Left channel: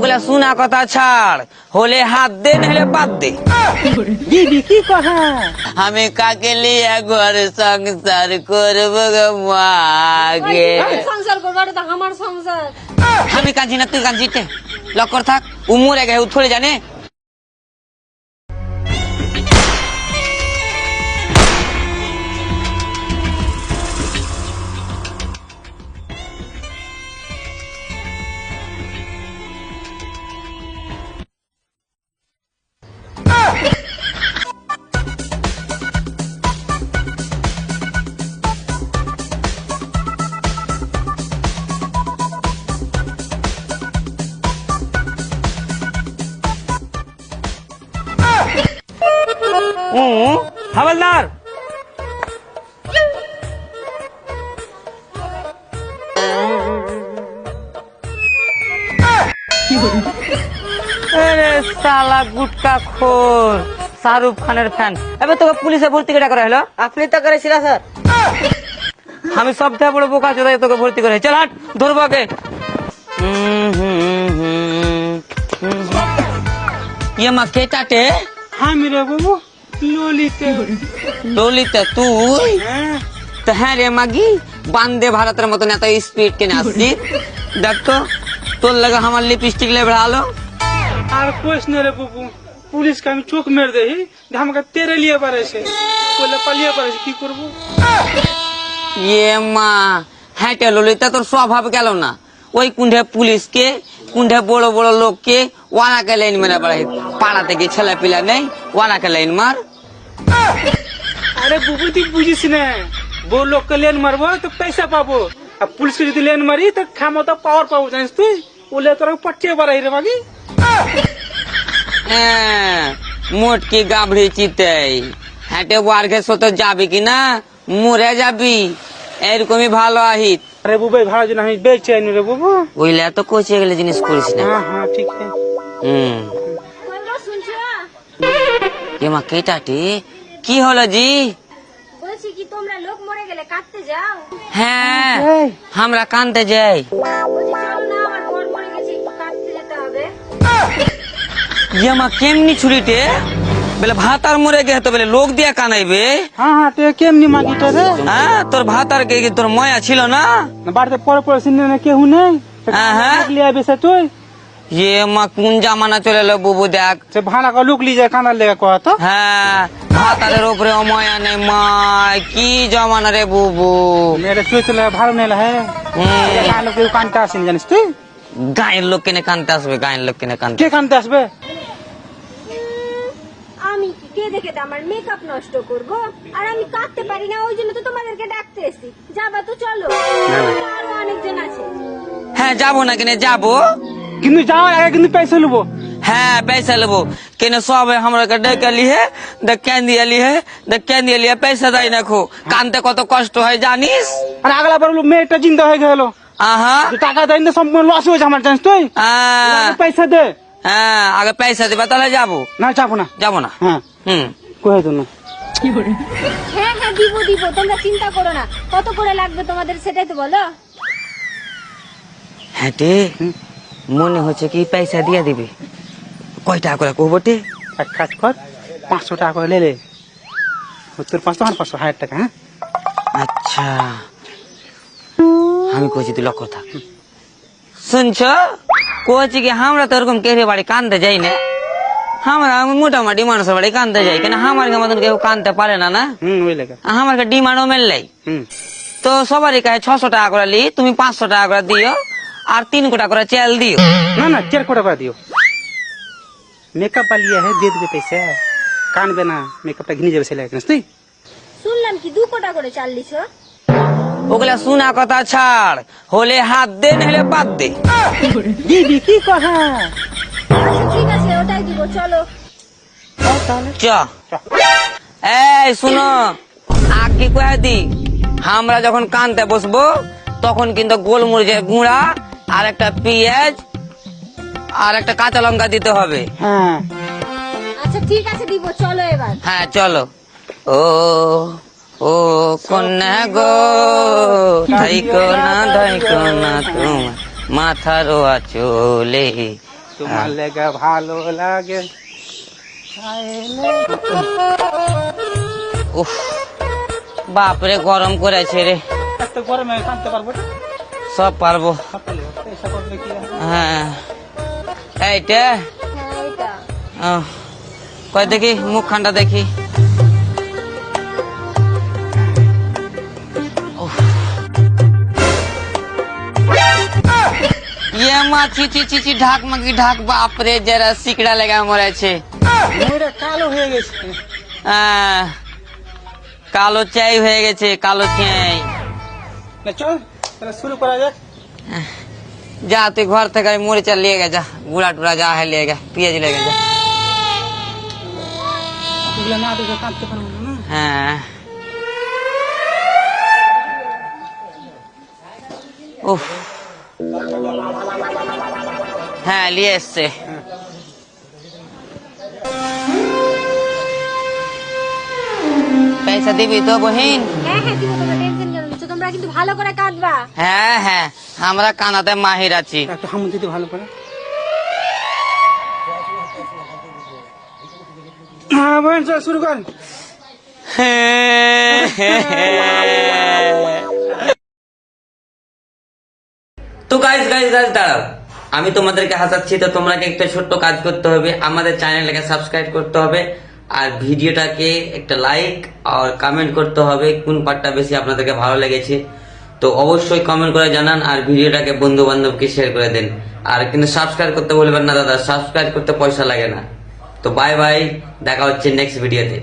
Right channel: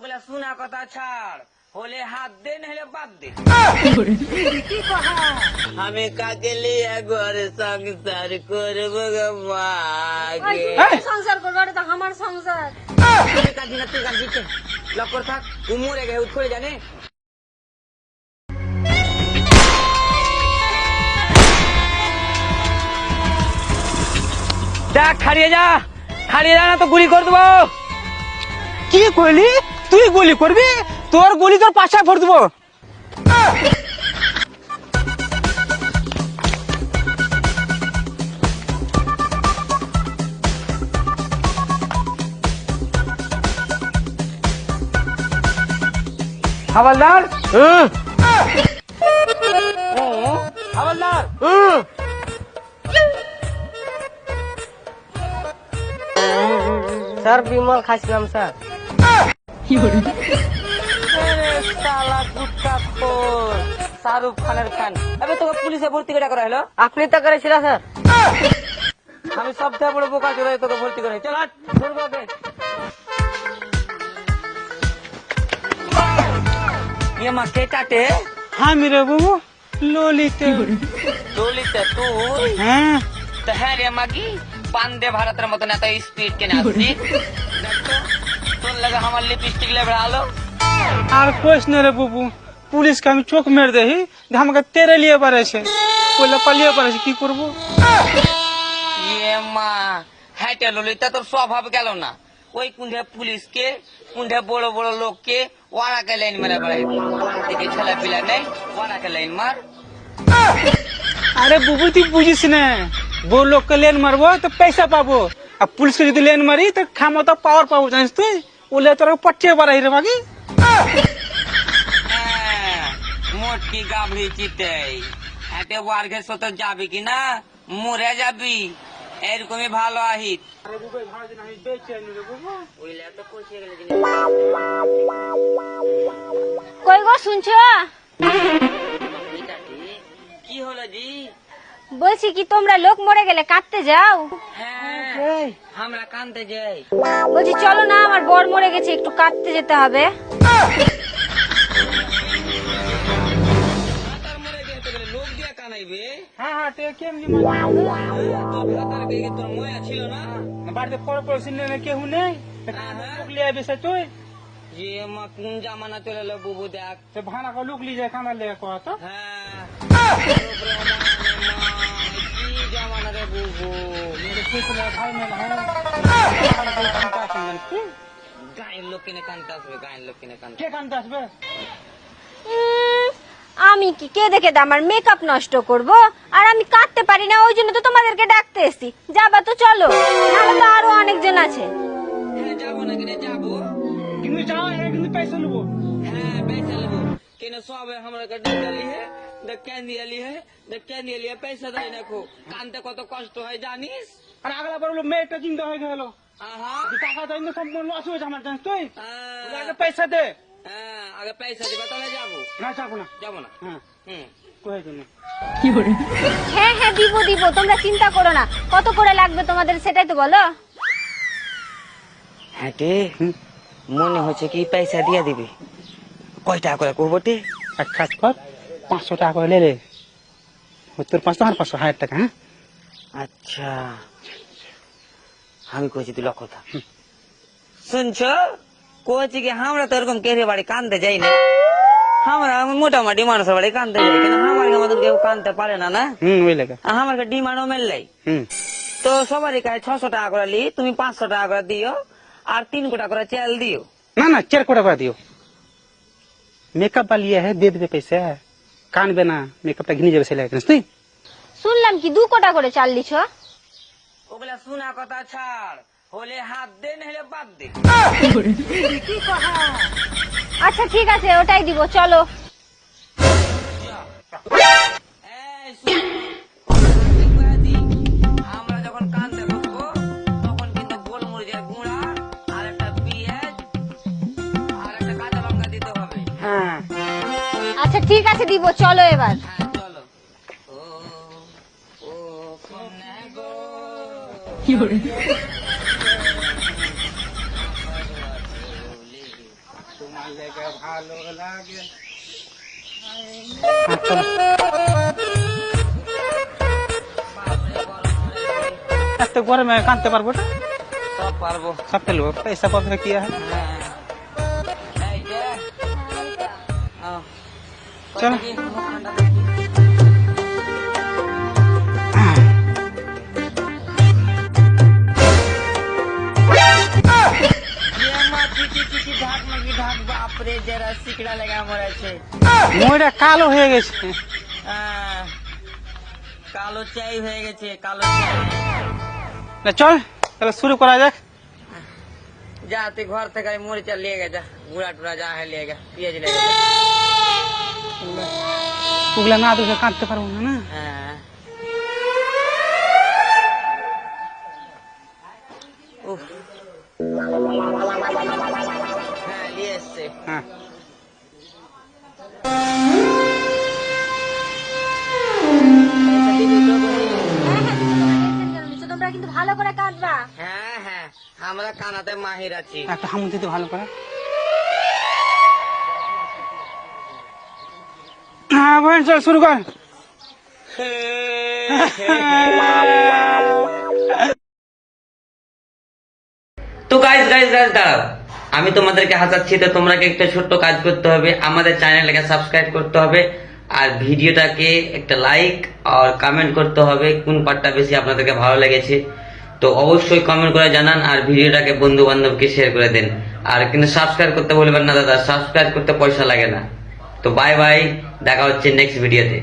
ওগুলা শোনা কথা ছাড়, হলে হাত দে নাহলে বাদ দে। দিদি কি কথা? আমি কাকে লিয়ে ঘর সংসার করবো গো মাগে? সংসার করবো, এটা তো আমার সংসার। আমি কাঁদছি না, তুই কাঁদছিস লক্কর থাক। উমরে গে থোড়ে জানে। দেখ ছাড়িয়ে যা, ছাড়িয়ে যা না তো গুলি করে দেবো। কি কইলি? তুই গুলি করবি? তোর গুলি তোর পাশায় ভর দেবো। হাওলদার, হাওলদার, স্যার বিমল খাইছিলাম স্যার। শালা গুটকা খোর, শাহরুখ খানের ফ্যান। এবার তোকে পুলিশে ভর্তি কেটা করা হলো? আপনি তো করেছিলেন স্যার। আমি সব থেকে বড় বোকা চোদাই তোকে ভর্তি করে। চল হাট, ধরবো আগে। ये माँ के टाटे হ্যাঁ মিরা বাবু, ললিতে। ললিতা তুই? হ্যাঁ তো হ্যাঁ রে মাগি, বান্দে ভারতের মতন এত স্পিড টেনে আসছি। দেখ তো তোর লাগে আমার লিপস্টিক লেবে আলো। আর প্রশ্ন রে বাবু, পুলিশকে আমি চোখ মেরে দেখি যে আমাকে তেরে লিয়ে পারেছে, বলে পালিয়ে পারেছে, কি করবো? ये মা হ্যাঁ ললিতা, তোর স্বভাব গেল না। ওই কুণ্ঠে পুলিশকে, কুণ্ঠে বড় বড় লোককে ওয়ানাকে লাইন মেরে বেড়াই। পাড়া থেকে ছেলে পিলা নেই, ওয়ানাকে লাইন মার। আরে বাবু তুই বুঝিস না, বড় লোককে লেন মারবো তো পয়সা পাবো, আর পুলিশকে যদি লেন মারি তো ক্ষমতা পাওয়ার পাবো, জানিস তুই? বলে তোরা পটিয়ে বাড়াই রে বাকি। হ্যাঁ, মোটকি গাভড়ি চিতাই হ্যাটে ওয়ার্কে সত যাবি কিনা মরে যাবি, এরকমই ভালো আহিত। আরে বাবু এই ভাড়া জন্য আমি বেঁচে আইনি রে বাবু। ওইলা তো কোচে গেলে জিনিস করিস না। হ্যাঁ হ্যাঁ ঠিক আছে। কই গো শুনছো? এমা কে টাটি, কি হলো জি? বলছি কি তোমরা লোক মরে গেলে কাটতে যাও? হ্যাঁ, আমরা কানতে যাই। বলছি চলো না, আমার বর মরে গেছে, একটু কাটতে যেতে হবে। এমা কেমনি ছুরিতে বলে ভাত আর মরে গে তো বলে লোক দিয়া কানাইবে? হ্যাঁ হ্যাঁ তুই কেমনি মাগি তো রে? হ্যাঁ, তোর ভাত আর কে তোর ময়া ছিল না? বাড়িতে পরে পরে শুনে কেউ নেই, হ্যাঁ। লিয়ে বেসে তুই ये মা কোন জামানা চলে এলো বুবু দেখ। সে ভাড়া কা লুক লি যায় কানার লেগে কয়া তো। হ্যাঁ, তাদের উপরে অময়া নেই মা, কি জমানা রে বুবু। মেরে তুই তো ভালো নেই হ্যাঁ, ভালো কেউ কানতে আসেন জানিস তুই? গায়ের লোক কেনে কানতে আসবে, গায়ের লোক কেনে কানতে? কে কানতে আসবে? আমি কি কে দেখে আমার মেকআপ নষ্ট করব? আর আমি কাটতে পারি না, ওই জন্য তো তোমাদেরকে ডাকতে এসেছি। যাবা তো চলো, আমাদের আরো অনেকজন আছে। হ্যাঁ যাবো না কেনে যাবো। কিন্তু যাওয়ার আগে কিন্তু পয়সা নেবো। হ্যাঁ पैसा लेबो, केने सब हमरा के डकली है, द कैंदियली है, द कैंदियली पैसा दाई नाखो। कानते कत कष्ट হয় জানিস? আর আগলা বার মেয়েটা জিন্দা হয়ে গেল, আহা, টাকা দেয় না, সম্পূর্ণ লস হয়েছে আমার, জানিস তুই? পয়সা দে। হ্যাঁ আগে পয়সা দিবা তাহলে যাবো। না যাবো না। যাবো না? হ্যাঁ কয়ে তো না। হ্যাঁ হ্যাঁ দিব দিব, তোমরা চিন্তা করো না। কত করে লাগবে তোমাদের সেটাই তো বলো। হ্যাঁ তে মনে হচ্ছে কি পয়সা দিয়ে দিবি। কয় টাকা করে কব তে? এক কাজ কর, 500 টাকা করে লে। তোর 500 আমার 500, 1000 টাকা। হ্যাঁ আচ্ছা আমি কইছি তুই লক্ষ্য থাক। শুনছ কইছি কি আমরা তো এরকম কেড়ে বাড়ি কানতে যাই না। আমরা মোটামুটি মানুষের বাড়ি কানতে যাই, কিন্তু আমার মতন কেউ কানতে পারে না না। ওই লেগে। আমাকে ডিমান্ডও মেললাই তো সবারই কাছে 600 টাকা করে লি, তুমি 500 টাকা করে দিও, আর 3 কোটা করে চাল দিও। না না 4 কোটা করে দিও। মেকআপ वाली है, दे दे पैसा, कानबे ना, मेकअपটা ঘিনে যাবে ছেলে, জানিস তুই? শুনলাম কি 2 কোটা করে চাল দিছো? ওগুলা শোনা কথা ছাড়, হলে হাত দে নাহলে বাদ দে। দিদি কি কথা? আচ্ছা ঠিক আছে, ওটাই দিব, চলো। চ এই শুনো, আকি কয়ে দি, আমরা যখন কানতে বসবো তখন কিন্তু গোলমরিচের গুঁড়া আর একটা পেঁয়াজ আর একটা কাঁচা লঙ্কা দিতে হবে। হ্যাঁ আচ্ছা ঠিক আছে দিব, চলো এবার। হ্যাঁ চলো। ও ও কন্যা গো, ধাইকো না তুমি মাথার চলে, তোমার লেগে ভালো লাগে। উফ, বাপরে গরম করেছে রে। এত গরমে কাঁদতে পারবো না? সব পারবো। সব পেলো পয়সা পাবো না কি আর? হ্যাঁ এইটা কয় দেখি মুখখানটা দেখি। ये माँ ची ची ची ढाक मगी ढाक बाप रे जरा सिकड़ा लगा मरे छे। ওইটা কালো হয়ে গেছে। কালো চাই হয়ে গেছে, কালো চাই। না চল তাহলে শুরু করা যাক। যা তুই ঘর থেকে মরিচা লিয়ে গে, যা গুড়া টুড়া যা है লিয়ে গে, পেঁয়াজ লিয়ে গে। ওগুলা না তো কাঁদতে পারবো না। হ্যাঁ উফ, হ্যাঁ লিয়ে এসছে। পয়সা দিবি তো বহিন? হ্যাঁ হ্যাঁ দিব, তোমরা টেনশন কেন নিচ্ছ? তোমরা কিন্তু ভালো করে কাটবা। হ্যাঁ হ্যাঁ, আমরা কানাতে মাহির আছি। একটা হাম দিতে ভালো করে। হ্যাঁ ভাই চল শুরু কর। তো গাইস গাইস গাইস দাঁড়াও, আমি তোমাদেরকে হাসাচ্ছি, তো তোমরা একটা ছোট্ট কাজ করতে হবে, আমাদের চ্যানেলটাকে সাবস্ক্রাইব করতে হবে আর ভিডিওটাকে একটা লাইক আর কমেন্ট করতে হবে কোন পার্টটা বেশি আপনাদেরকে ভালো লেগেছে। তো অবশ্যই কমেন্ট করে জানান আর ভিডিওটাকে বন্ধু বান্ধবকে শেয়ার করে দেন। আর কিন্তু সাবস্ক্রাইব করতে বলবেন না দাদা, সাবস্ক্রাইব করতে পয়সা লাগে না। তো বাই বাই, দেখা হচ্ছে নেক্সট ভিডিওতে।